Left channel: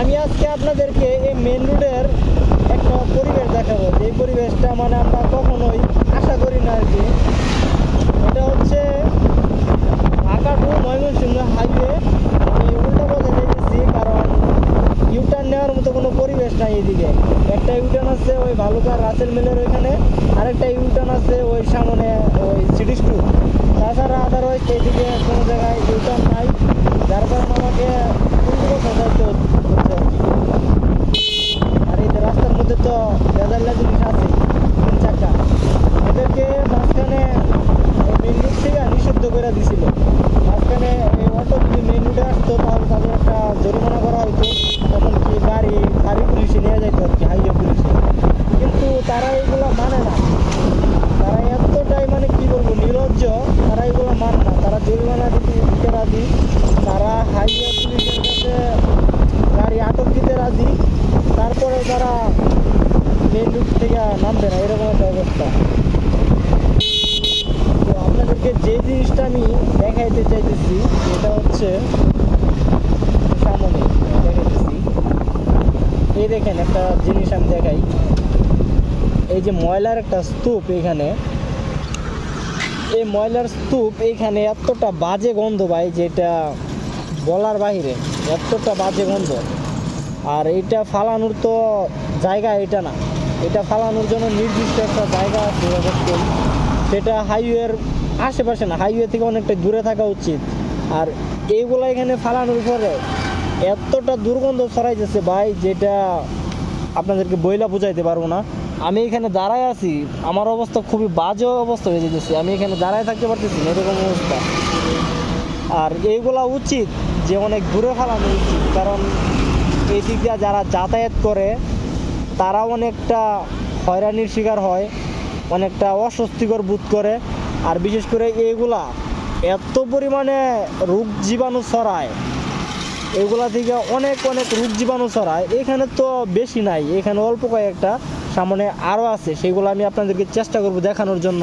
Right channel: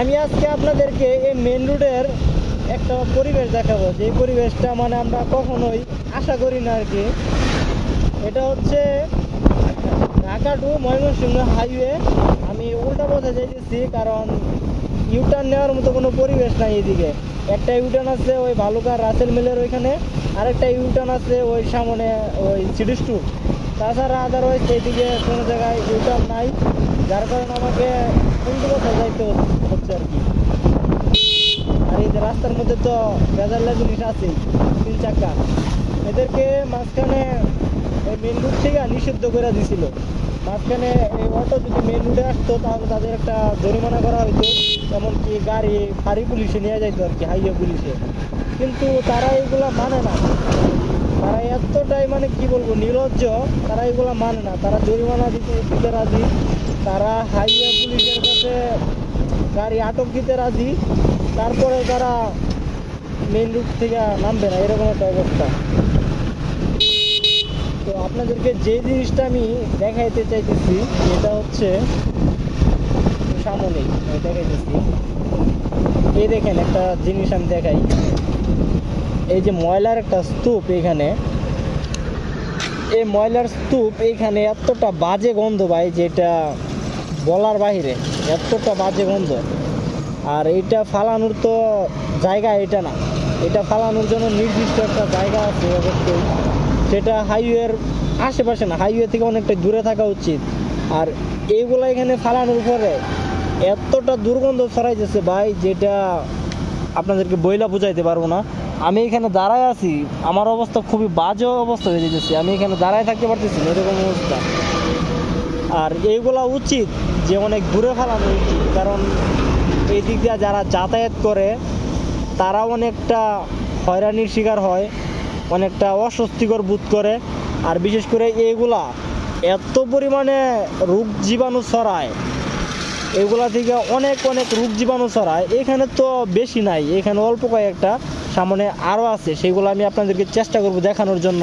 আমি আজকে আপনাদেরকে এই মেন রোডের একটা পরিবেশ দেখাবো, যে পরিবেশটা মানে আমরা কখনোই আশা করি না আর কি। এটা হচ্ছে ঢাকা টু ময়মনসিংহ হাইওয়ে। আমি উল্টা পথে যাইতেছি কারণ ইউটার্ন নেওয়ার মতো কোনো পরিবেশ নাই এদিকে। একটা ইউটার্ন আছে ওই ভালুকার রাসেল মিলের ওইখানে, আরেকটা ইউটার্ন আছে ওই সামনে ওই সিটি স্টোর। তাছাড়া আদারওয়াইজ এইদিকে কোনো জায়গায় ইউটার্ন নাই, যার কারণে আমাকে উল্টো পথে যাইতে হচ্ছে আর কি। আর এই যে রাস্তার মধ্যে তো বেজাল্লা জিনিস আছেই, 3 চাকা, এদেরকে মাঝখানে মেন রুট থেকে নিষিদ্ধ করে দিছিল। মাঝখানে এই অটো যদি মেন রুটে আসতো তাহলে তাদের একটা জরিমানা করা হইতো, এমনকি গাড়ি পুলিশে নিয়ে যাইতো আর কি, হাইওয়ে পুলিশে। কিন্তু তারা এইগুলা মানে না, তারা এতটাই মানে কি বলবো নির্লজ্জ, তারা এগুলো মানে না। তারা জরিমানা দিতে রাজি, তারা হাইওয়ে পুলিশের কাছে গাড়ি আটক দিতে রাজি, তারপরেও তারা মেন রুট থেকে নামবে না, এরকম একটা অবস্থা। তো আপনাদেরকে যে জিনিসটা আমি দেখাইতে চাইতেছি এটা হচ্ছে সামনেই দেখাইতেছি। এই দেখেন একটা জিনিস আমি দেখাই, এই যে ময়লার একটা স্তূপ, এইখানে এই ময়লার স্তূপ, এইখানে এতটা বাজে গন্ধ ভাই যেটা বলার বাহিরে, এতটা বাজে গন্ধ। আর এইটা ফালানোর তো জায়গা এটা না, এটা ফালানোর জন্য নির্দিষ্ট একটা জায়গা আছে অবশ্যই, সেটা হাইওয়ের আশেপাশে না, হাইওয়ে থেকে অনেকটা দূরে থাকা উচিত। আর এইগুলো এখানে ফালানোর পরে এতটা দুর্গন্ধ ছড়াইতেছে ভাই যেটা আপনাদেরকে বইলা বুঝাইতে পারবো না। আমি এখানে দাঁড়ায় আছি, আমার অবস্থা খুবই বাজে অবস্থা হয়ে যেতেছে, আমি এখানে দাঁড়ায় থাকতে পারতেছি না, এরকম অবস্থা। আর এইগুলা উচিত যে অনেক দূরে ফালানো উচিত, কারণ এই দিক দিয়ে যারা যাতায়াত করে তারা অনেকটা হয়রানির শিকার হয়, অনেকটা অস্বস্তিকর বোধ করে। আর বিশেষ করে এইগুলা এত পরিমাণে রোগ জীবাণু ছড়ায়, এগুলা থেকে অনেক রোগ জীবাণু ছড়ায়। এখানে তো বেশি নাই, এখানে অল্প কয়েকটা, সামনে আরও আছে, সেগুলো আমি আপনাদেরকে চেষ্টা করব দেখানোর জন্য।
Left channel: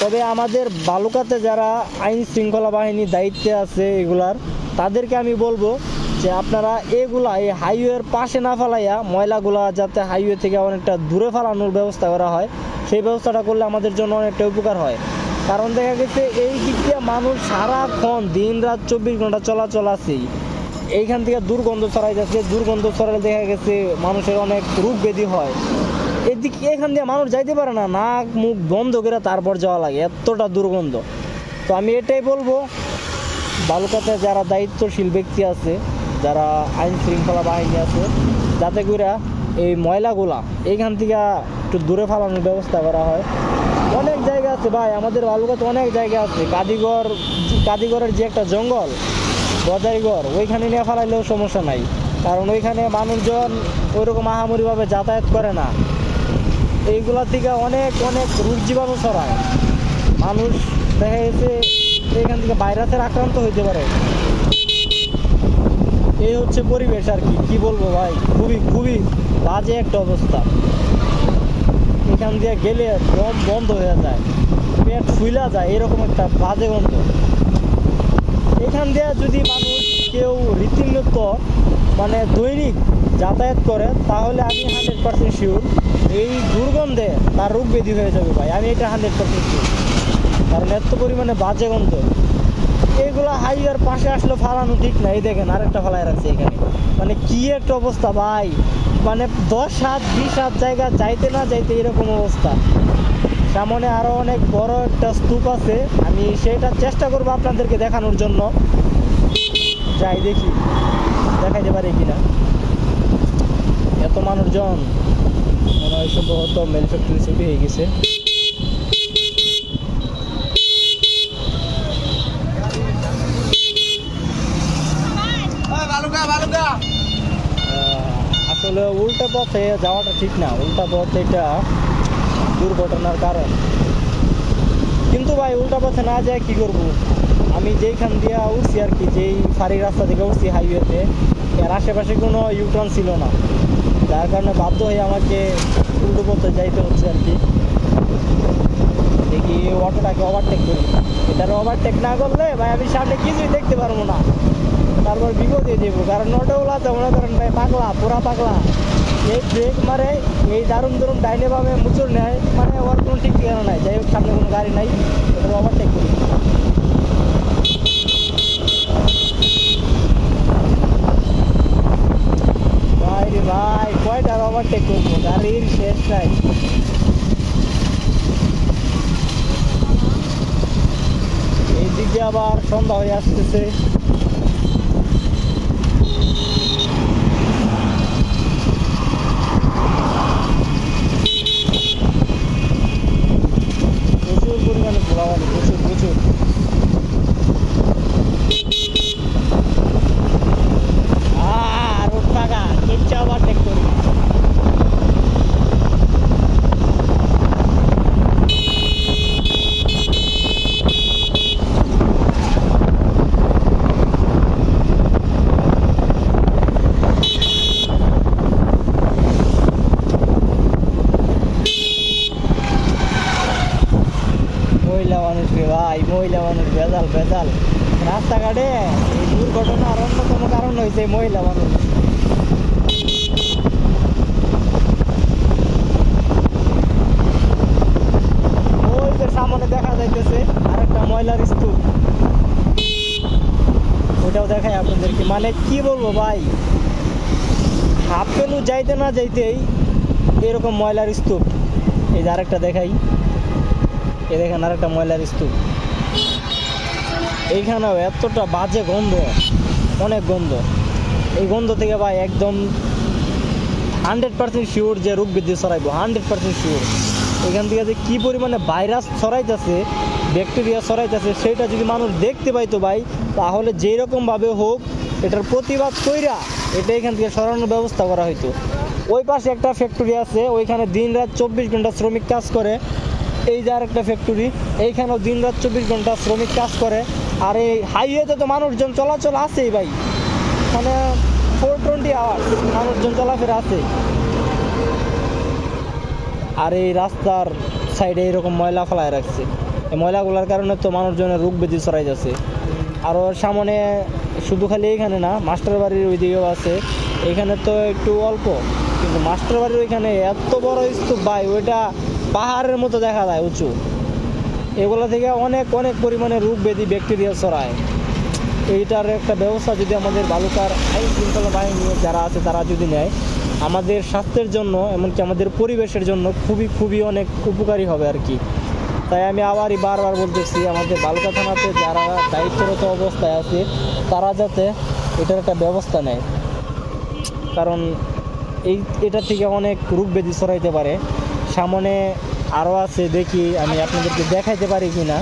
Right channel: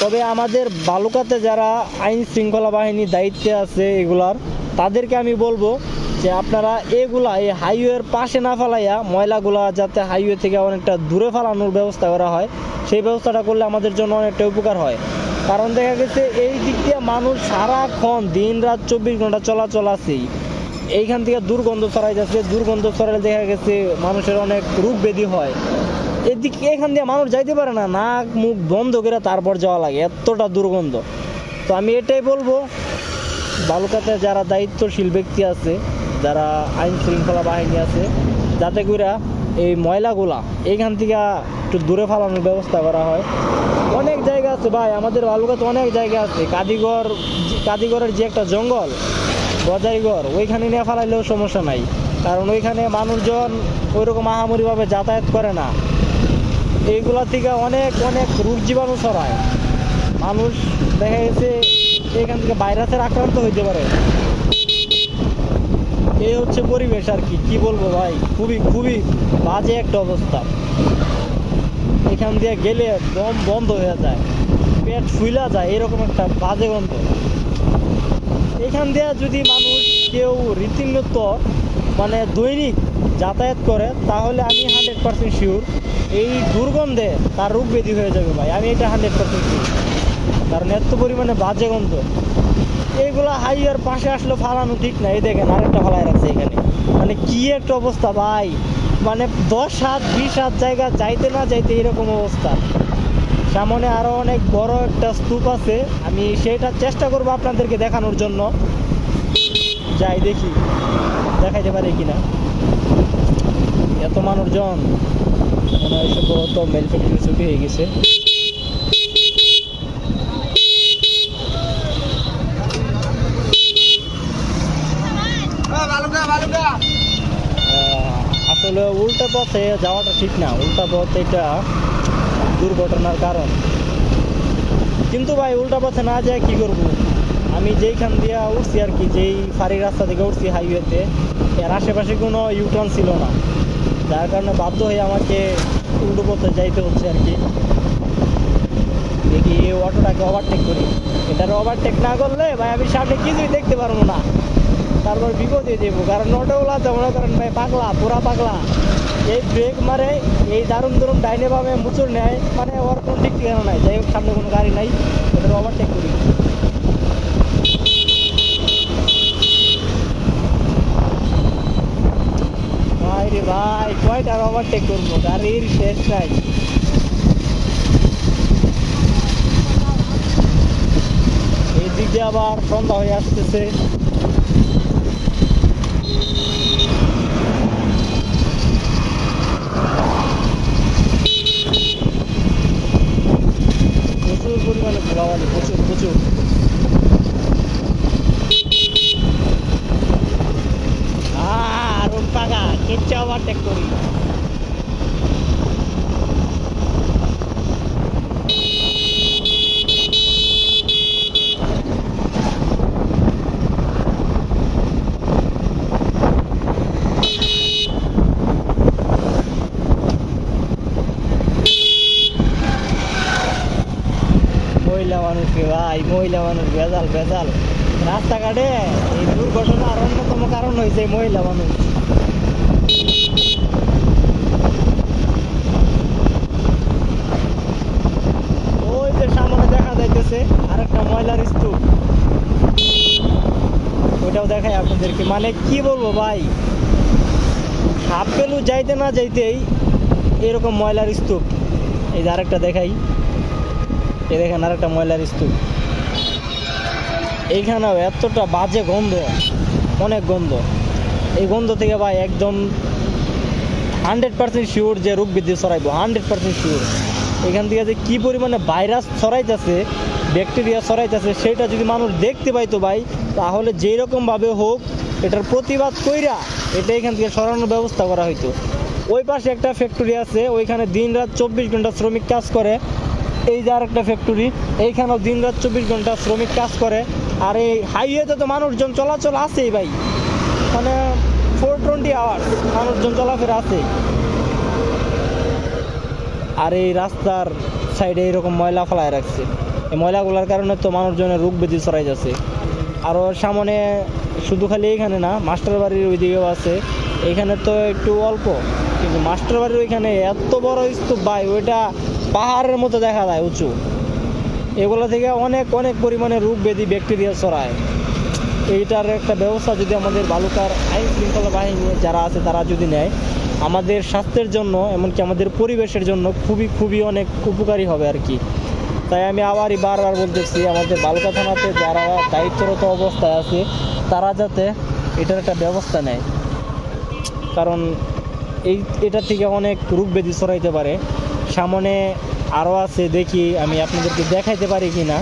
তবে আমাদের বালুকাতে যারা আইন শৃঙ্খলা বাহিনীর দায়িত্বে আছে এগুলার, তাদেরকে আমি বলবো যে আপনারা এগুলা এই হাইওয়ের পাশে না ফালাইয়া ময়লাগুলা যাতে হাইওয়ে থেকে অনেকটা দূরে ফালানোর ব্যবস্থা করা হয়, সেই ব্যবস্থাটা করলে আমাদের জন্য অনেকটা উপকার হয়। কারণ দেখা গেছে এই দিক দিয়ে মানুষ সারাক্ষণ দিন রাত 24 ঘন্টা চলাচল আছেই, এইখান থেকে দুর্গন্ধ ছড়াই যাচ্ছে, দুর্গন্ধ ছড়ালে দেখা গেছে মানুষের অনেক রোগ ব্যাধি হয়। এদিকে এখান দিয়ে মানুষ যাইতে পারে না, নাক মুখ বন্ধ করে তারপর যাওয়া লাগে, এতটা দুর্গন্ধ। তো আমি এটাই বলবো বালুকাতে যারা দায়িত্বশীল ব্যক্তি আছে, যারা আইন শৃঙ্খলা বাহিনী আছে, যাতে করে এই ময়লাগুলা এইখান থেকে একটু দূরে ফালানোর ব্যবস্থা করা হয়। অনেক জায়গা আছে ভাই, আমাদের বালুকাতে অনেক জায়গা আছে, কাদিগড়ের যে একটা জঙ্গল গজারিগড়, ওইখানে নিয়ে ফালাইলেও সমস্যা নাই, কারণ ওইখানে মানুষজন ওইরকম আহামরিভাবে যাতায়াত করে না। এইগুলা থেকে অনেক রোগ জীবাণু ছড়ায়, মানুষ দেখা গেছে এখান থেকে ভাইরাসের আক্রান্ত হইতে পারে। এই হচ্ছে পরিবেশ আর কি বলবো ভাই, খুবই বাজে একটা অবস্থা। এখান দিয়ে গেলে দম বন্ধ হয়ে যায়, পেট ফুইলা যায়, এরকম একটা বাজে গন্ধ। এখান দিয়ে যদি মানুষ কেউ রীতিমত মানে দৈনিক যাতায়াত করে তাহলে আমি 100% শিওর এই দুর্গন্ধে তার রোগ ব্যাধি হয়ে যাবে ভাই, আমি এটা 100% শিওর। কারণ এত পরিমাণে বাজে গন্ধ, এইগুলা হাইওয়ের পাশে আসলে ফালানো ঠিক না। এই দেখেন আরেকটা ফালাই রাখছে এখানে, মানে কি একটা অবস্থা ভাই, মানে 10 হাত 20 হাত জায়গা যাইতে না যাইতে এরকম অবস্থা। সামনে আরো অনেক বড় একটা স্তূপ আছে, আমি সেটা চেষ্টা করবো আপনাদেরকে দেখানোর জন্য, যাই দেখি দেখাইতে পারি কিনা। এত মানুষজন মনে হয় সম্ভবত মেল ফ্যাক্টরি ছুটি হয়ে গেছে। আসলে উল্টা পথে যাওয়াটা ঠিক না, উল্টা পথ এটা দুর্ঘটনার কারণ। কিন্তু ভাই উল্টা পথে না যায় কি করব, আমি যেইখান দিয়ে উঠছি আর কি, যেই ফাঁড়ি রাস্তা থেকে উঠছি হাইওয়েতে, এর আশেপাশে কোনো ইউটার্ন ছিল না, যার কারণে বাধ্য হয়ে আমাকে উল্টো পথে যাইতে হচ্ছে আর কি। দেখি অটোটাকে ওভারটেক করি, এটার ওভারটেক না করলে ভাই আমি সামনে কিছুই দেখতে পারবো না। তারপর বিপদে দেবো, কারণ অটোগুলাতে মনে করেন ভাই পাগলা, পুরা পাগলা। এই ব্রেক মারে, এই দারুণ দারুণ ডাইনে বামে মুচুর নেয়, মানে ওর কোনো ঠিক ঠিকানা নাই। যাই হোক, সামনে কোনো গাড়ি নাই, ওটার ওভারটেক করি। ভাই রে ভাই, কয়টার ওভারটেক করবো, গাড়ির শেষ নাই। এই দিক দিয়ে আবার সন্ধ্যা হয়ে আসতেছে। প্রচুর পরিমাণে ধুলাবালি, প্রচুর প্রচুর। রোড পাকা, কিচ্ছু ওভারটেক করি। মহিলা মানুষকে ভাই, মহিলা মানুষ ভেজাল ভেজাল রাস্তাঘাটে। এই দুর্ঘটনার অন্যতম কারণ হয়েছে মহিলা মানুষ। ওই যে সামনে দেখা যাইতেছে আরেকটা ময়লার স্তূপ, ওইটাও দেখাই আপনাদেরকে। মানে কি বলবো ভাই, হাফ কিলো যাইতে না যাইতেই এরকম ময়লার স্তূপ। এই যে আরেকটা দেখাই, এই দেখেন আরেকটা ময়লার স্তূপ। এইখানেও এতটা বাজে গন্ধ, অনেক গন্ধ। এই গন্ধ থেকে ভাই একদম 100% শিওর যে রোগ বৃদ্ধি ছড়াইবো, 100% শিওর। এখান থেকে যে কি পরিমাণে ভাইরাস ছড়াইতেছে, ব্যাকটেরিয়া ছড়াইতেছে, সেটা যদি মানুষ দেখতে পাইতো ভাই, তাহলে যেই রকমভাবে হোক এটার প্রতিবাদ কইরা এটা এখান থেকে সরানোর ব্যবস্থা করা হইতো। ওই পাশে একটা ফ্যাক্টরি আছে, ওইখানে দিন রাত 24 ঘন্টা শ্রমিক কাজ করে। এই যে আরেকটা ফ্যাক্টরি, এইখানেও দিন রাত 24 ঘন্টা শ্রমিক কাজ করে। আর এই হাইওয়েতে তো মানুষজন চলাচল আছেই ভাই, মানে 420 আওয়ার্স মানুষজন চলাফেরা আছে। আর এই রাস্তার সাইডে এইরকম ময়লা ফেলায় রাখছে। এই ময়লাগুলোর কারণে তো মানুষজনের রোগ ব্যাধি ছড়াই যাচ্ছে। আরও সামনে শুধু খালি এইখানে না, মাস্টার বাড়ির ওই দিকেও আছে। এইখানে তো একটু অল্প, কিন্তু মাস্টার বাড়ির ওইখানে এত বড় স্তূপ ভাই, ওইটা পাহাড়ের মতো দেখা যায় উঁচু। এগুলো থেকে অনেক অনেক পরিমাণে রোগ ব্যাধি ব্যাকটেরিয়া ছড়ায়। এইটার একটা ব্যবস্থা যদি আমাদের বালুকার আইন শৃঙ্খলা বাহিনী যারা আছে তারা যদি নেয়, আমাদের স্বাস্থ্যের জন্য এমনকি আমাদের পরিবেশের জন্য খুবই খুবই অনেক উপকারী হবে আর কি। তাই আমি আবারই বারবার বলতেছি, আমাদের বালুকা থানাতে যারা দায়িত্বরত অবস্থায় আছে তারা যাতে এটার একটা ব্যবস্থা নেয়, কারণ এটা থেকে অনেক রোগ ব্যাধি ছড়াইতে পারে। সামনে আরও আছে, দেখি আমি আপনাদেরকে দেখাইতে পারি কি না।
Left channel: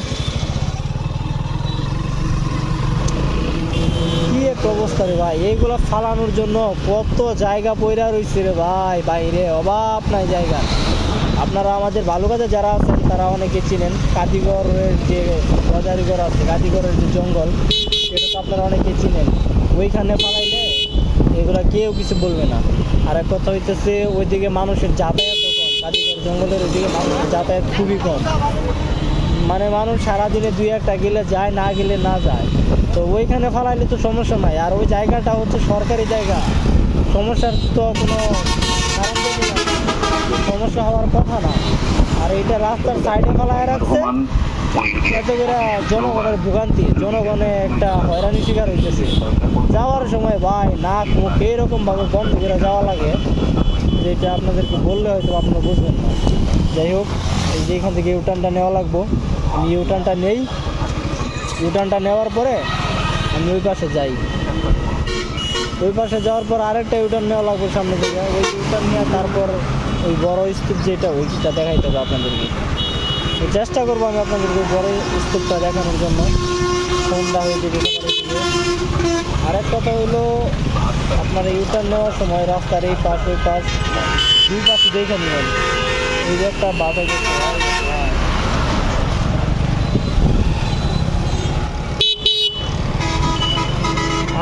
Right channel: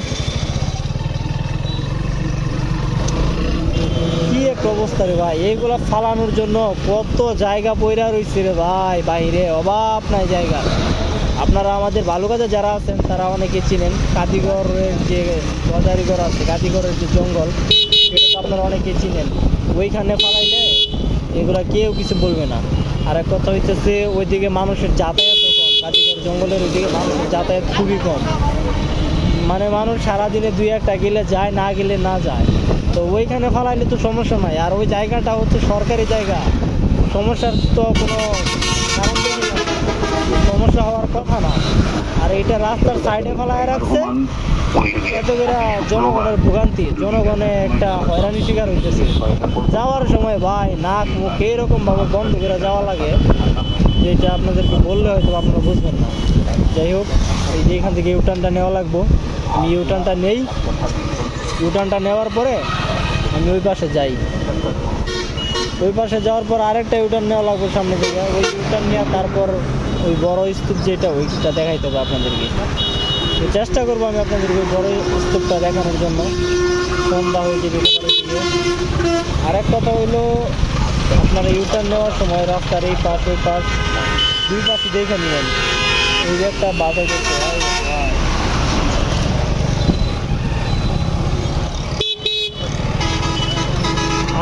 কি এক অবস্থা রে ভাই, এইগুলা ফালানোর জন্য কত জায়গা পয়রা রয়েছে রে ভাই, বাইরে অভাব নাই জায়গা। আপনারা আমাদের বালুকাতে যারা আছেন তারা অনেকে চিনেন, কাদিগড়ের যে গজারিগড় আছে, কাদিগড়ের যে জঙ্গল, সেটা তো আপনারা অনেকে চিনেন। ওইখানে ফালাইলে এগুলা কেউ কিছু বলবে না। আর এক কথা হইতেছে, ওইদিকে মানুষের যাতায়াতও কম, কাদিগড় জঙ্গলের ওইদিকে মানুষের যাতায়াত খুবই কম। মানে মানুষ সারাদিনে 2-1টা গেলে যায়, না গেলে না যায়। তো ওইখানে ফালাইলে তো সমস্যা নাই। আর ওই জায়গাটা হচ্ছে সরকারি জায়গা, সমস্যার তো কোনো কারণ দেখি না, সমস্যা হওয়ার কথা না। আর এইটা রাস্তার সাইডে ফালায় রাখছে, এত করে জনগণের ভোগান্তি, জনগণে একটা হয়রানি শিকার হইতেছে। যাওয়ার সময় ভাই নাক মুখ এইরকমভাবে বন্ধ করে যাওয়া লাগে, যেটা আপনাদেরকে বললে হয়তো আপনারা বুঝবেন না। যাই হোক, এই যে এখান থেকে ইউটার্নটা নেওয়া লাগবো। আমি ইউটার্নটা নেই, ইউটার্নটা নেওয়ার পরে আমি ওই পাশে যাই। ওই পাশে যাওয়ার পর আরেকটা ইউটার্ন নেওয়া লাগবে সামনে থেকে। ওই ইউটার্ন নিয়ে তারপর ওই বড় স্তূপ যেটা, ওইটা দেখাইতে হবে আপনাদেরকে। চেষ্টা করবো আমি আপনাদেরকে ওই বড় স্তূপটা দেখানোর জন্য। সন্ধ্যা হয়ে যেতে পারে দিকে। আরেক কথা হইলো, আপনারা ইউটার্ন নেওয়ার সময় রাস্তার এই পাশ ওই পাশ দুই পাশে দেখে নেবেন। এই যে একটা বাধা গেছে,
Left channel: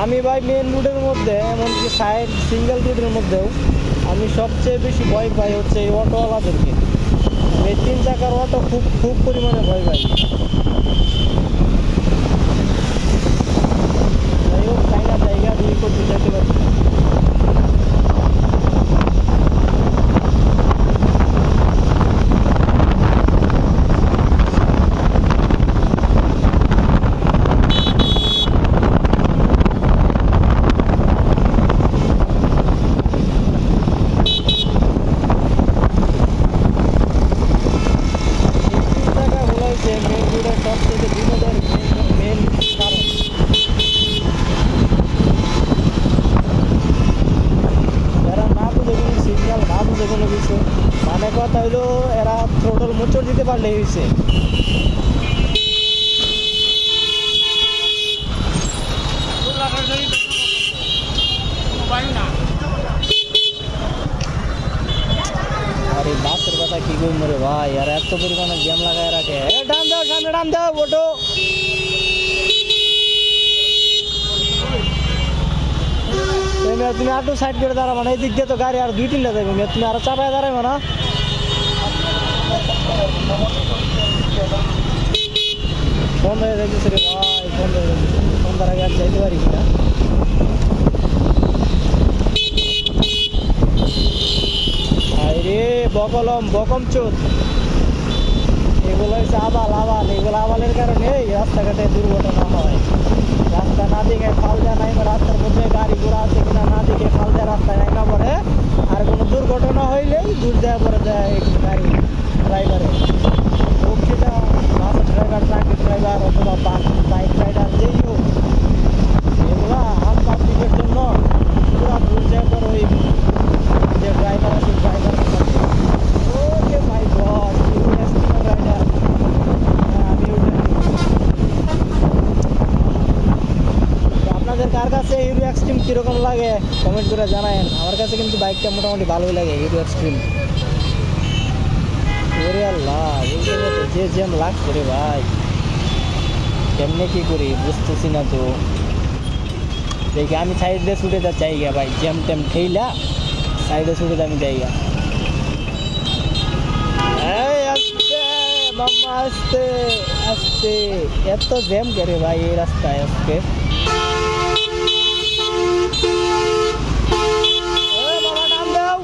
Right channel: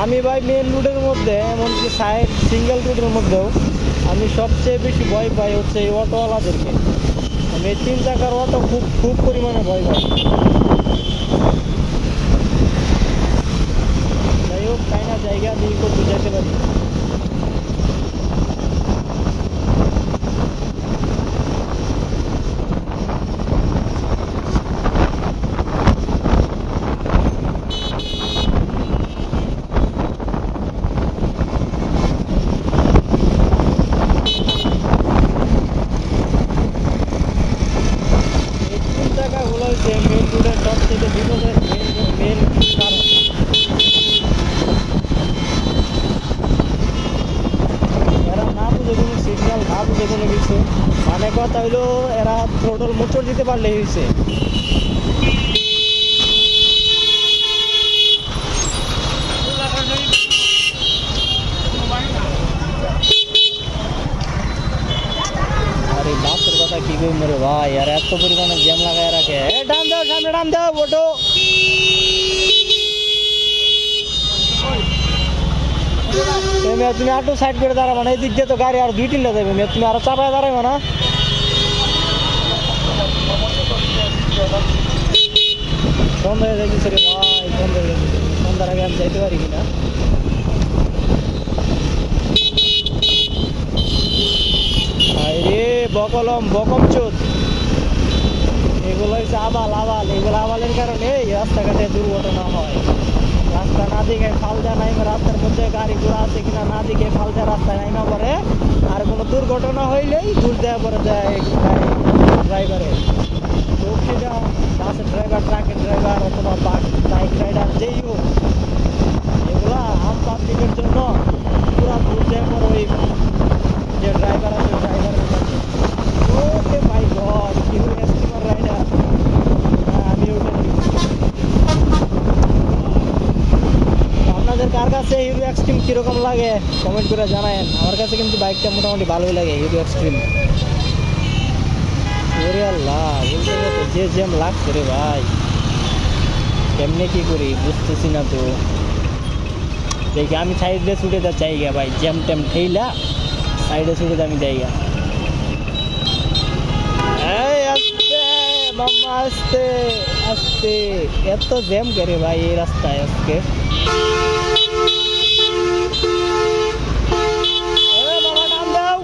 আমি ভাই মেন রোডের মধ্যে, এমনকি সাইড সিঙ্গেল রোডের মধ্যেও আমি সবচেয়ে বেশি ভয় পাই হচ্ছে এই অটোওয়ালাদেরকে। আমি 3 চাকার অটো খুব পরিমাণে ভয় পাই। যাই হোক, তাই না, যাই দিয়ে করতে যেতে পারি। মেন রোডের সবচেয়ে বিপদের মেন কারণ এরা না বুঝে কোনো সিগন্যাল, না বুঝে কোনো কিছু, মানে কথা হইলো এরা থ্রোটল মোচড় দিতে পারলেই হয়েছে। আরে বাসের কথা কি কই মরে ভাই, আর এত পরিমাণে জ্যাম লাগায় রাখে। ডান দাও, সামনে ডান দাও, ওটো। তুমি আটু সাইড করে দাঁড়াবো না, এই দিক দিয়ে তো গাড়ি আর 2-3টা যাবে, তুমি আরো চাপায় দাঁড়াবো না। সন্ধ্যা হয়ে যাইতেছে রে ভাই, সন্ধ্যা হয়ে যাইতেছে। সন্ধ্যার আগে আমি যাইতে পারি কিনা। রে বকলম বকম চোদ, এগুলো হচ্ছে আবাল আবাল। এগুলো আবালের কারণে এই রাস্তাঘাটে দুর্ঘটনা হয়। রাস্তা না দেখে ফাল দেয় নাই, রাস্তার মধ্যে গাড়ি ঘোড়া আছে কিনা না দেখে ফাল দেয় রাস্তায় নাইমা পড়ে। আর কোনো দুর্ঘটনা হইলেই দূর দেওয়া পরে দেয় গাড়ি ড্রাইভারে। হোক সেটা বাসের ড্রাইভার, ট্রাকের ড্রাইভার অথবা বাইক রাইডার, যেই হোক, এগুলা আম পাবলিকের জন্য পুরা দূর দেওয়া পরে ওই যে ড্রাইভার আছে ড্রাইভারের সাথে। ওরে মাই গড, হিরো এক্সট্রিমার রাইডার। আমি ওটা আপনাদের কার কাছে হিরো এক্সট্রিম কিরকম লাগে কমেন্ট করে জানায়েন। আমার কাছে কিন্তু বাইকটা মোটামুটি ভালোই লাগে, হিরো এক্সট্রিম। ওরে আল্লাহ, বলতে বলতে যে জ্যাম লাগছে রে ভাই, কেমনে কি করি বুঝতেছি না তো। দেখি আমি সাইডে ছুটে যা জায়গা ভাই, জ্যাম ট্যাম ঠেইলা সাইডে ছুটে আমি জায়গা। এই আস্তে মাম্মা, আস্তে আস্তে, এত জ্যাম কে রে ভাই এই রাস্তায় আজকে। মামা টান দাও।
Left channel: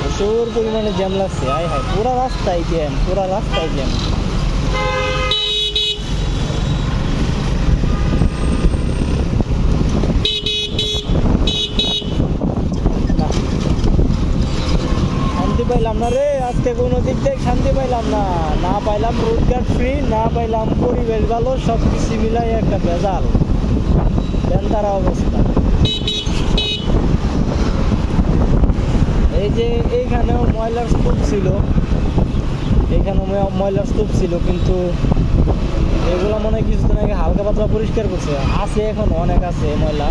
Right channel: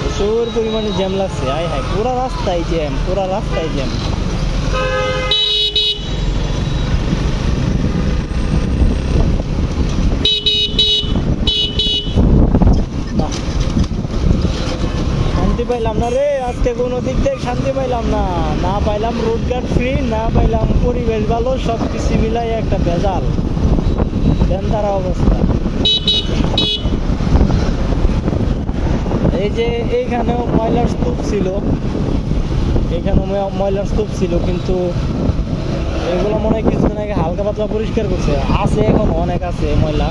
প্রচুর পরিমাণে জ্যাম লাগছে, হাই হাই, পুরা রাস্তায় জ্যাম, পুরা রাস্তায় জ্যাম। শান্তি পাইলাম না রে আজকে, কোনো দিক থেকে শান্তি পাইলাম না। না পাইলাম রোডঘাট ফ্রি, না পাইলাম পরিবেশ ভালো, সব কিছু মিলাই একটা ভেজাল বেন্দারা অবস্থা। এই যে এইখানেও ময়লার স্তূপ ছিল, এখানেও ময়লার স্তূপ ছিল, কিন্তু এগুলো মনে হয় কিছুদিন আগে হালকা পাতলা পরিষ্কার করছে। আছে এখন অনেক আছে ময়লা।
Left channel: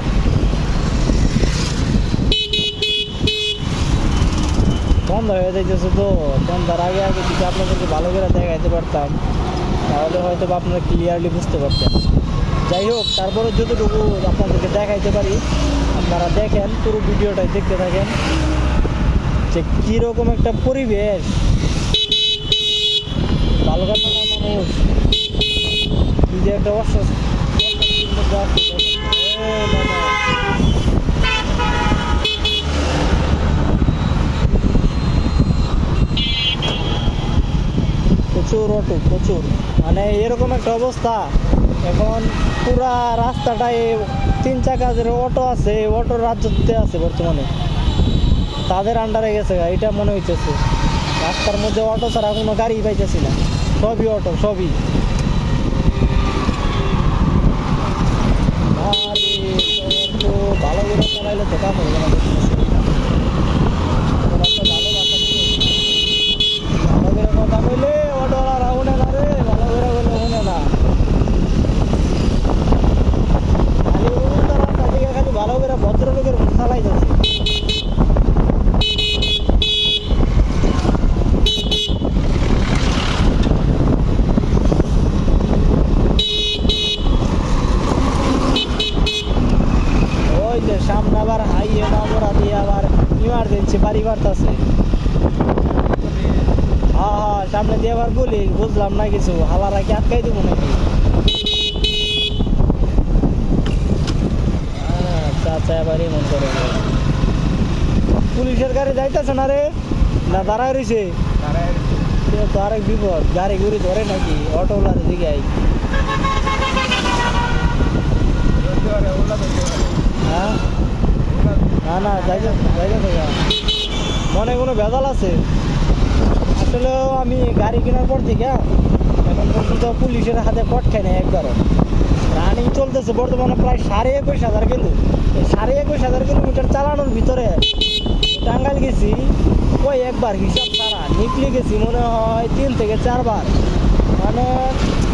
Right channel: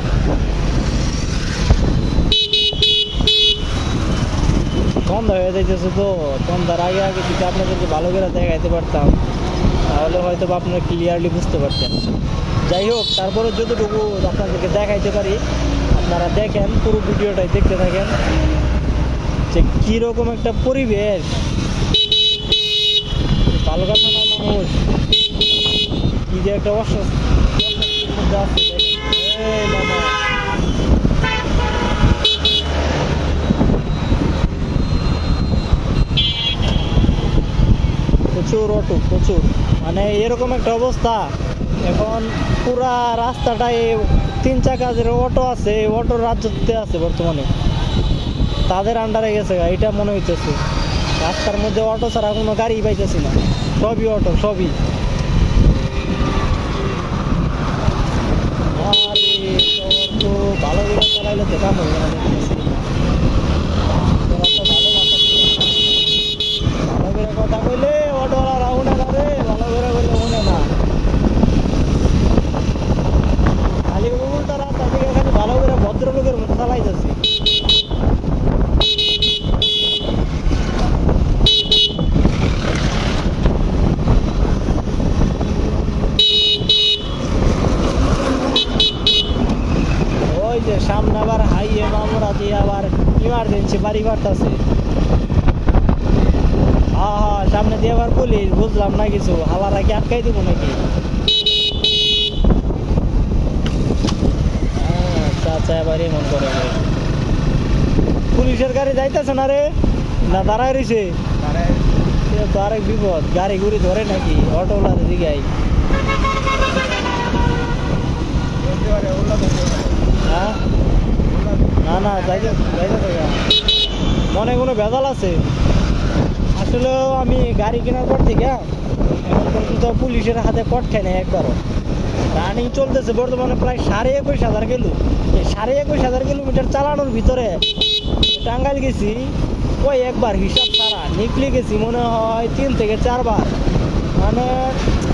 সন্ধ্যা হয়ে যাইতেছে তো, সন্ধ্যার আগে আগে যদি আপনাদেরকে ভালো করে দেখাইতে পারতাম তাহলে হয়তো বা আপনারা ক্লিয়ারলি বুঝতে পারতেন। যাই হোক, তারপরে যতটুকু আপনাদেরকে দেখাইতে পারি আপনারা দেখেন, পুরো ভিডিওটাই দেখতে থাকেন যে কীরকম একটা পরিবেশ। বালুকা থানার মানুষ কি যে একটা অস্বস্তির মধ্যে আছে। এই মামা, প্রচুর অটো, প্রচুর, মানে এরকম একটা অবস্থা এখন। পুরা রাস্তাটায় 3 চাকা যে অটো আছে, অটোর রাজ্যতে আছে বর্তমানে, তাদের আন্ডারে গেছে এটা মনে হইতেছে। রাস্তার মধ্যে অটো ছাড়া কোনো গাড়ি পাইতেছি না, সবই অটো, সবই। আরে তো ভালো করে চালাইলে তো কাম হবে না, দেখতেছি তোরা তো ভালো ভালো করে কথা কইলে অটোওয়ালা শুনে না রে, ভালো করে কইলে শুনে না। খালি উল্টা রাস্তা দিকে খালি ভালো করে ভদ্রলোকের মতো চালাই যাচ্ছে। ওই যে সামনে আবার হাইওয়ে মামরা দিয়ে আবার ইমার্জেন্সি বাড়ি বাড়তেছে। হ্যাঁ হ্যাঁ, সামনে দিয়ে আবার পুলিশ, বুঝলাম না কিছু, হালারা কি আটকাই দেবো নাকি? আচ্ছা আচ্ছা, এবার এমন করে রে। পুলিশের গাড়ি যাইতেছে না রে, না দাঁড়ায় রয়েছে? তো আরেক বিপদ, গাড়ি গুড়ি ধরে নাকি অটোওয়ালার দিকে আই। হ্যাঁ না না, যাইতেছে গা। মনে কোনো ভেজাল আছে? আসলে আমি গাড়ি কেনার পর থেকে এখন পর্যন্ত পুলিশের হাতে কট খাই না একবারও। রানিং চলতেছে বর্তমানে প্রায় 21,500 কিলো। এই 21,500 কিলোমিটার চালানোর ভিতরে টাঙ্গাইল গেছি ওই একবার, হিসাব ছাড়া নিকলি গেছি মনে হয় 3 থেকে 4 বার। মানে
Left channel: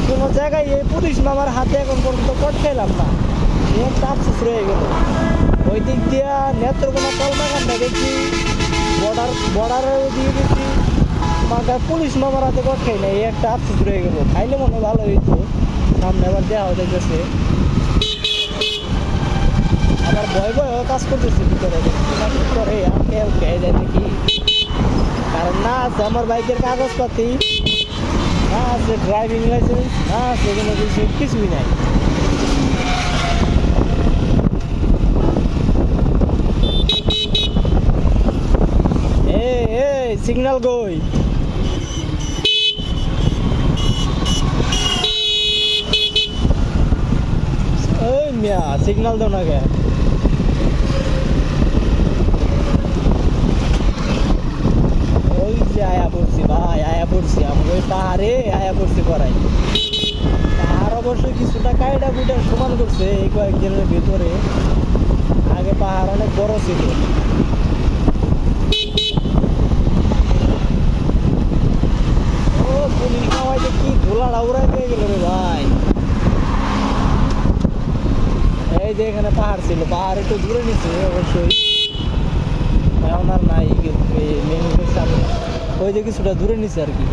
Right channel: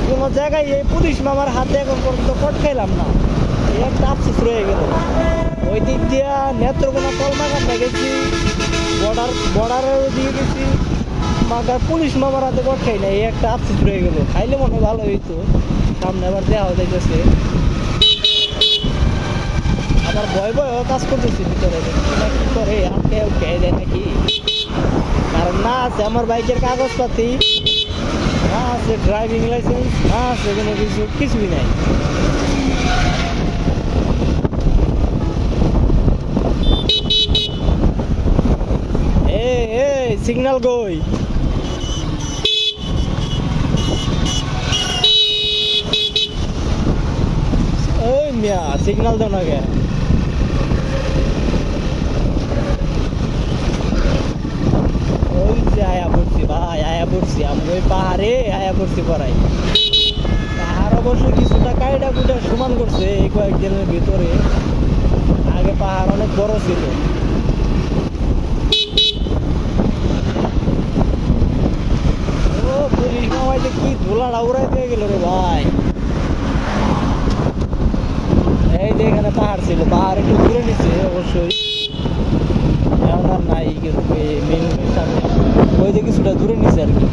কোনো জায়গায় এই পুলিশ মামার হাতে এখন পর্যন্ত কট খাইলাম না, এই একটা আফসোস রয়ে গেল। ওই দিক দিয়া নেত্রকোনা তলমাকান্দা গেছি, বর্ডারের ওইদিকে গেছি, মাগার পুলিশ মামার হাতে কট খাই না, এই একটা আফসোস রয়ে গেল। খাইলে মনে ভালো হইতো, সামনে আবার দেওয়া যাইতেছে। আমার ভয় ভয়ও কাজ করতেছে ভিতরে, দেখছি না কি করে, আটকে খেয়ে যায় নাকি। কারণ না আছে আমার বাইকের কাগজপাতি, না আছে ড্রাইভিং লাইসেন্স, না আছে কোনো কিছু, কিছুই নাই। এই সিগন্যাল কই? ওই মিয়া সিগন্যাল দাও না কে? ওই যে আয়া পড়ছি ভাই, আয়া পড়ছি, আমি ওই পাহাড়ে আয়া পড়ছি পড়াই। পাহাড় অবশ্য কিছুটা কাইটা কুইটা সমান করছে এই কয়েকদিনের ভিতরে, আগে পাহাড় অনেক বড় ছিল। ও পুলিশ মামাইতে কি ধুলাটা উড়াই দিয়ে গেল রে ভাই। এই যে এখানে পাহাড় ছিল, পাহাড় একটু দূরে নিচ্ছে অবশ্যই, এখন আর নাই, কিন্তু মেন রোডের সামনে ওই যে কিছুটা দূরে নিচ্ছে আর কি।